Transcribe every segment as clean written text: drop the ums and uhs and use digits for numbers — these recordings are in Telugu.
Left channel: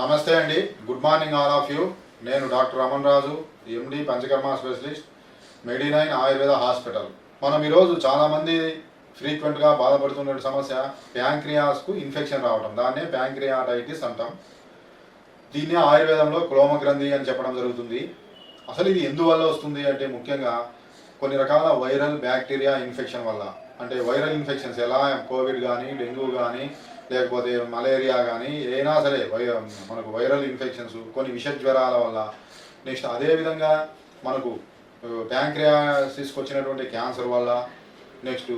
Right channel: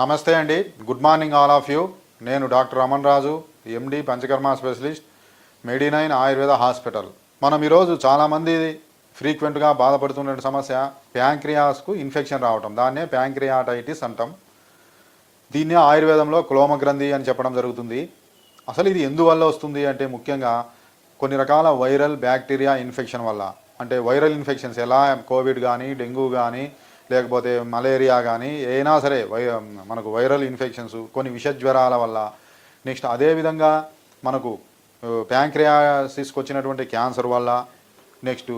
నమస్తే అండి. Good morning all of you. నేను డాక్టర్ రమణ్ రాజు, ఎండి పంచకర్మ స్పెషలిస్ట్, మెడి9 ఆయుర్వేద హాస్పిటల్. మనం ఈరోజు చాలామంది ఫ్రీక్వెంట్గా బాధపడుతున్న సమస్య ప్యాంక్రియాస్కు ఇన్ఫెక్షన్ రావటం. దాన్నే ప్యాంక్రియాటైటిస్ అంటాం. దీన్నే ఆయుర్వేదంలో క్లోమగ్రంథి అని చెప్పడం జరుగుతుంది. అసలు ఇది ఎందువల్ల వస్తుంది అంటే ముఖ్యంగా కొన్ని రకాల వైరల్ బ్యాక్టీరియా ఇన్ఫెక్షన్ వల్ల. అంటే వైరల్ ఇన్ఫెక్షన్స్ ఎలా కోవిడ్ కానీ, డెంగ్యూ కానీ, లేకపోతే మలేరియా కానీ ఏనా సరే మనకు వైరల్ ఇన్ఫెక్షన్స్, కొన్ని విష జ్వరాల వల్ల, నెక్స్ట్ అదేవిధంగా మనకు ప్యాంక్రియాసిస్కి వచ్చినటువంటి క్యాన్సర్ వల్ల, నెక్స్ట్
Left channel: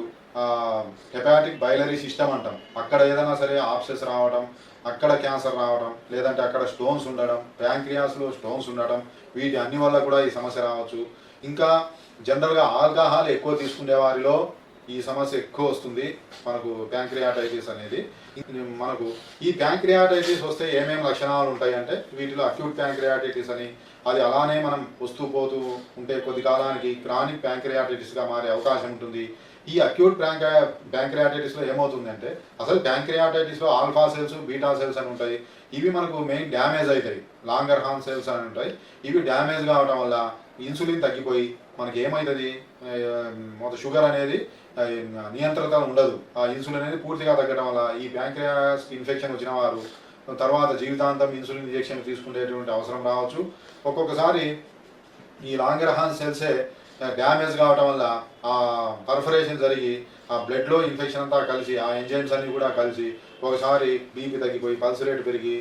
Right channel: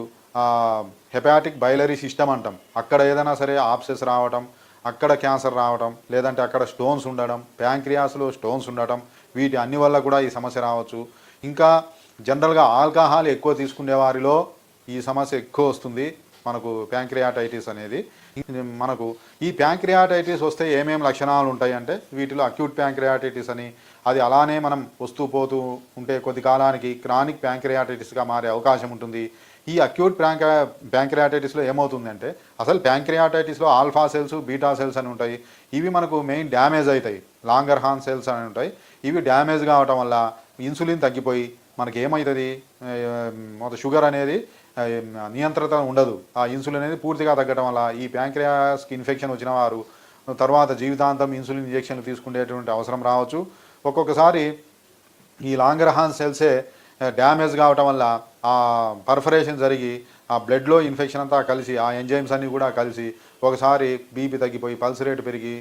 హెపాటిక్ బైలరీ సిస్టమ్ అంటాం, అక్కడ ఏదైనా సరే ఆప్సెస్ రావటం, అక్కడ క్యాన్సర్ రావటం, లేదంటే అక్కడ స్టోన్స్ ఉండడం, ప్యాంక్రియాస్లో స్టోన్స్ ఉండటం, వీటి అన్ని వల్ల కూడా ఈ సమస్య రావచ్చు. ఇంకా జనరల్గా ఆల్కహాల్ ఎక్కువ తీసుకునే వారిలో ఈ సమస్య ఎక్కువ వస్తుంది, మనకు ప్యాంక్రియాటైటిస్ అనేది. మనకు ఈ ప్యాంక్రియాటైటిస్ వస్తే ఏమేమి లక్షణాలు ఉంటాయి అంటే వీటిలో అక్యూట్ ప్యాంక్రియాటైటిస్ అని, అది అలానే మనం వస్తూ పోతూ ఉంటే కొద్ది కాలానికి క్రానిక్ ప్యాంక్రియాటైటిస్గా మారే అవకాశం ఉంటుంది. ఈ అక్యూట్ ప్యాంక్రియాటైటిస్లో ఏమవుతుందంటే అసలు ప్యాంక్రియాటైటిస్లో ఆల్ఫా సెల్స్, బీటా సెల్స్ అని ఉంటాయి. ఇవి మనకు మెయిన్ డ్యామేజ్ అవుతాయి. లాంగర్ హార్న్ సెల్స్ అని ఉంటాయి. ఇవి డ్యామేజ్ కావటం వల్ల ఇన్సులిన్ తగ్గిపోయి మనకి ఏమవుతుంది, మొత్తం షుగర్ అనేది నియంత్రణ ఉండదు. ఆ ఇన్సులిన్ అనేది పూర్తిగా తగ్గడం వల్ల ఈ ప్యాంక్రియాస్కి ఇన్ఫెక్షన్ వచ్చిన వారు తర్వాత జీవితాంతం ఇన్సులిన్ ఇంజెక్షన్ తీసుకునేటువంటి అవసరం రావచ్చు. ఒక్కొక్కసారి ఈ లాంగర్ హార్న్ సెల్సే డ్యామేజ్ కావటం వల్ల ఆ పర్ఫరేషన్ జరిగి ఆ బ్లడ్లో ఇన్ఫెక్షన్ అంతా కలిసి ఆ ఎంజైమ్స్ అన్నీ కూడా కలిసి ఒకసారి బీపీ తగ్గిపోయి పల్స్ రేట్ పెరిగి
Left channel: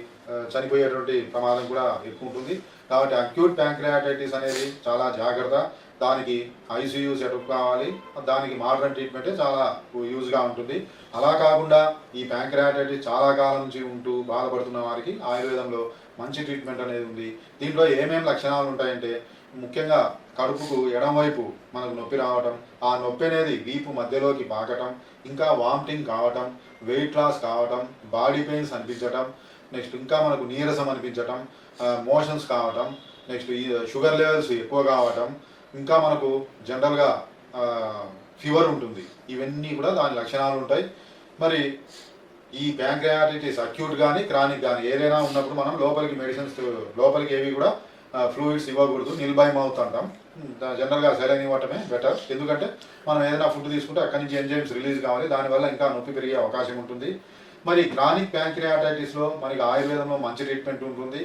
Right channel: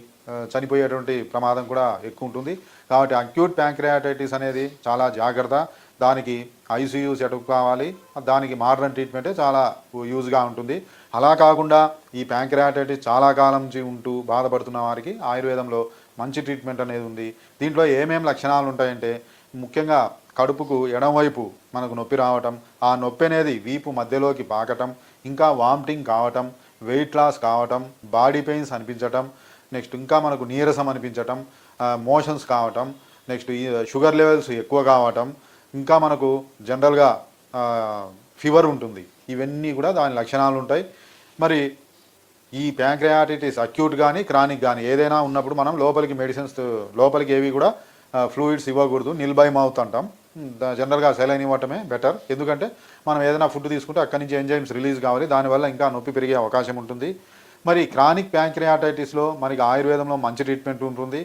చనిపోయేటువంటి ప్రమాదం కూడా ఎక్కువ ఉంటుంది. కాబట్టి అక్యూట్ ప్యాంక్రియాటైటిస్ అనేది చాలా జాగ్రత్త. దానికి ఐసీయూ సెటప్ కావాలి. దానికి మోడర్న్ ట్రీట్మెంటే చాలా యూజ్గా ఉంటుంది. అలా కాకుండా ఈ ప్యాంక్రియాటైటిస్ చాలా కాలం నుంచి ఉంటూ బాధపడుతున్న వారికి ఆయుర్వేదంలో మంచి ట్రీట్మెంట్ అనేది ఉంది. దీంట్లో ఏమేమి లక్షణాలు ఉంటాయంటే ముఖ్యంగా కడుపుకు ఎడమవైపు మనకు నొప్పి రావటం, ఆ నొప్పి అనేది వీపు మధ్యలోకి పాకటం, ఇంకా వామిటింగ్ కావటం, వెయిట్ లాస్ కావటం, బాడీ పెయిన్స్ అనిపించటం, నెక్స్ట్ ఇంకా మనకు నీరసం అనిపించటం, మోషన్స్ కావటం, నెక్స్ట్ షుగర్ లెవెల్స్ ఎక్కువ కావటం, ఇంకా మనకు జనరల్గా ఫీవర్ ఉంటుంది. ఇవన్నీ కూడా దాని లక్షణాలు ఉంటాయి. మరి ఈ ప్యాంక్రియాటైటిస్ అక్యూట్ కానీ క్రానిక్ కానీ ఏదైనా ఉన్నప్పుడు మనం లోపలికి మెడిసిన్స్ లోపలికి ఏవి కూడా ఫ్లూయిడ్స్ ఇవ్వకూడదు. నిల్ బై మౌత్ అంటాం. జనరల్గా సెలైన్ ఇవ్వటమే బెటర్. ఎందుకంటే మనం ఏదైనా ఫుడ్ తీసుకుంటే అక్కడి నుంచి ఎంజైమ్స్ రిలీజ్ కావాలి. దానివల్ల ఇంకా నొప్పి పెరిగే అవకాశం ఉంటుంది. మరి క్రానిక్ ప్యాంక్రియాటైటిస్లో మనకి ఆయుర్వేదంలో మంచి ట్రీట్మెంట్ ఉంటుంది.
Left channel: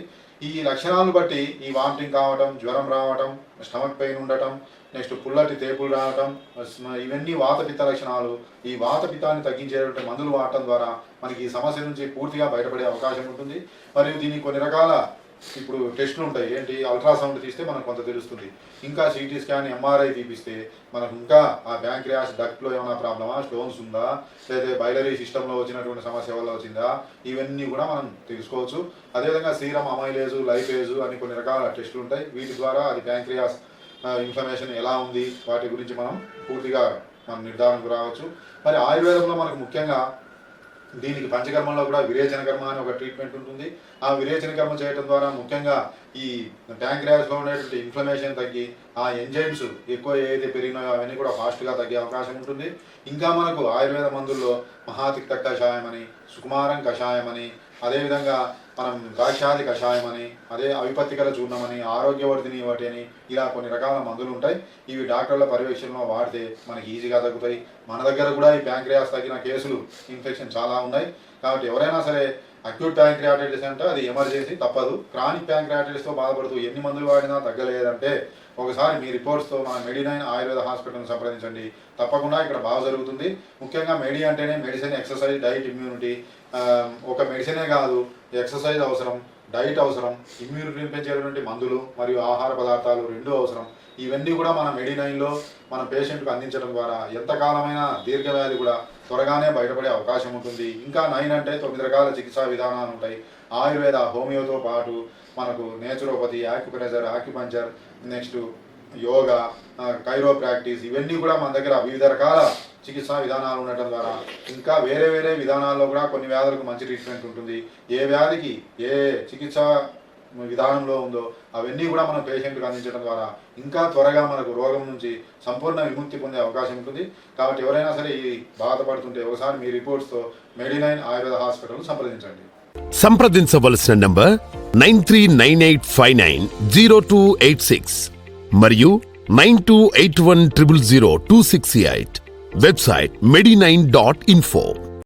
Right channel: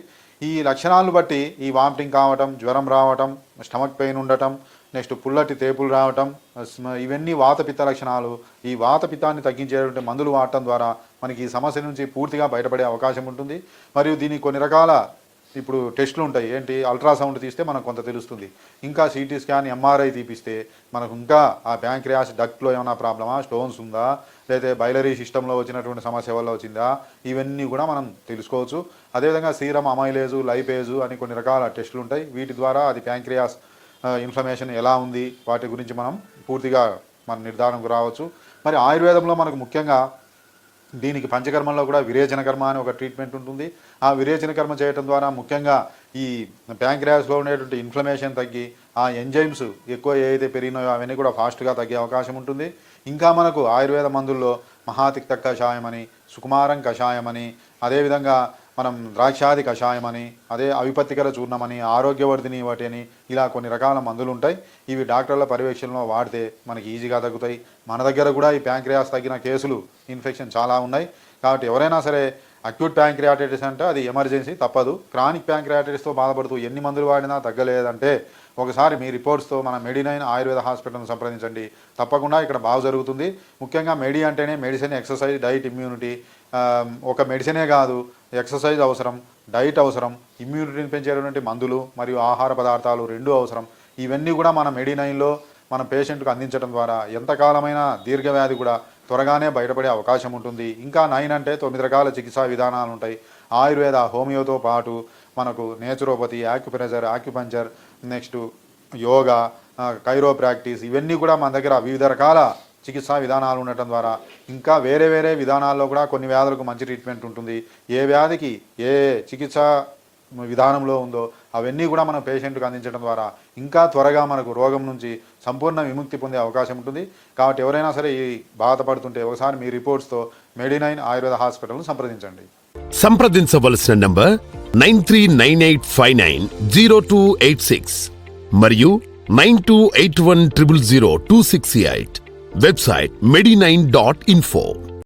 ఈ లక్షణాలను బట్టి ఈ వామిటింగ్ కావటం, జ్వరం రావటం, స్టమక్ పెయిన్ ఉండటం, నెక్స్ట్ పుల్లటి తేపులు రావటం, ఇవన్నీ వాతపిత్త లక్షణాలు. ఈ వాతపిత్తాన్ని తగ్గించేటువంటి మందులు వాడటం ద్వారా మనకి ఈ సమస్య నుంచి పూర్తిగా బయటపడే అవకాశం ఉంటుంది. మరియు దీనికి కొన్ని రకాల ఇప్పుడు టెస్టులు ఉంటాయి. ఏంటి, అల్ట్రాసౌండ్ తీస్తే మనకు కొంత తెలుస్తుంది. ఇంకా సిటీ స్కాన్, ఎంఆర్ఐ తీపిస్తే మనకు ఇంకా ఆ ప్యాంక్రియాస్ డక్ట్లో ఏమైనా ప్రాబ్లమా, స్టోన్స్ ఉందా, లేదా బైలరీ సిస్టంలో వచ్చినటువంటి సమస్య వల్ల వచ్చిందా, ఇవన్నీ కూడా మనం తెలుసుకోవచ్చు. అదేవిధంగా సీరం అమైలేజు, లైపేజు అని కొన్ని రకాల టెస్టులు ఉంటాయి. వీటి ద్వారా అది ప్యాంక్రియాస్ ఇన్ఫ్లమేషన్ ఎలా ఉంది వాటి గురించి మనం పూర్తిగా మన నిర్ధారణకు రావచ్చు. మరి ఆయుర్వేదంలో మనకు ముఖ్యంగా దీనికి పంచకర్మంలో కూడా విరేచన కర్మ అని ఒక ట్రీట్మెంట్ ఉంటుంది. ఆ విరేచన కర్మ చేయడం ద్వారా ముఖ్యంగా ఈ ప్యాంక్రియాస్లో ఉండేటువంటి ఇన్ఫ్లమేషన్ తగ్గి ఆ ఎంజైమ్స్ ఎక్కువ ఏదైతే పెరిగినాయో అవన్నీ కూడా ఫాస్ట్గా తగ్గే అవకాశం ఉంటుంది. ఇంకా మనకు ఆయుర్వేద మందుల్లో మహాతిక్త కషాయం అని, సుకుమారం కషాయం అని, అదేవిధంగా మనం ద్రాక్షాది కషాయం అని, అదే అవిపత్తికర చూర్ణమని, ఆరోగ్యవర్ధిని వాటి అని, ఇలా కొన్ని రకాల మందులు ఉంటాయి. ఇవి డాక్టర్ల పర్యవేక్షణలో వాడితే మనకి ఈజీగా తగ్గుతాయి. మన దగ్గర కూడా ఈ ప్యాంక్రియాస్ తగ్గిన కేసులు ఇన్ఫెక్షన్ చాలా ఉన్నాయి. కాబట్టి ఎవరైనా సరే అక్యూట్ ప్యాంక్రియాటైటిస్ అంటే అది ఎమర్జెన్సీ, తప్పదు. క్రానిక్ ప్యాంక్రియాటైటిస్తో బాధపడుతూ ఎన్ని మందులు వాడినా తగ్గలేదంటే ఒకసారి మీ రిపోర్ట్స్తో మన మెడి9 ఆయుర్వేద హాస్పిటల్ని సంప్రదించండి. తప్పకుండా ఇక్కడ బాగా జరుగుతుంది. ముఖ్యంగా మెడి అంటేనే మెడిసిన్, ఎక్సర్సైజ్, డైట్, ఇమ్యూనిటీ. ఒక మెడిసినే కాదు, ఎక్సర్సైజ్ అవసరం, డైట్ అవసరం, ఇమ్యూనిటీని పెంచేటువంటి మందులు మరియు ఆహార పదార్థాలు రెండూ అవసరం. ఇవన్నీ కూడా మన మెడి9లో మన పేషెంట్కు అందించడం ద్వారా ఎంతకాలమైన దీర్ఘవ్యాధి కూడా త్వరగానే బయటపడే అవకాశం ఉంటుంది. ఇంకా 9 అంటే 9 రకాల చికిత్సా విధానాలు ఉంటాయి. ఆయుర్వేద, హోమియోతో పాటు మనకు నేచురోపతి, ఆక్యుపంచర్, నెక్స్ట్ యోగా, కైరోప్రాక్టీస్, ఇవన్నీ కూడా మన దగ్గర వివిధ రకాల చికిత్సా విధానాలు ఉండటం ద్వారా ఇంకా వేరే వేరే విధానాల్లో కూడా కొన్ని వ్యాధులకు మంచి ట్రీట్మెంట్ ఉంటుంది. ఏ వ్యాధికి ఏ చికిత్సా విధానంలో ఉందో అవన్నీ కూడా మనం పేషెంట్కి అందించడం ద్వారా ఇంకా త్వరగా మనకు రోగం నుంచి సంపూర్ణ విముక్తి పొందే అవకాశం ఉంటుంది. కాబట్టి ఎవరైనా సరే ఈ బాధపడుతుంటే ఒకసారి మీ రిపోర్ట్స్తో మెడి9 ఆయుర్వేద హాస్పిటల్ను సంప్రదించండి. సంప్రదించవలసిన నంబర్ 9398590286 మరియు 9281000268. Website medinine.info.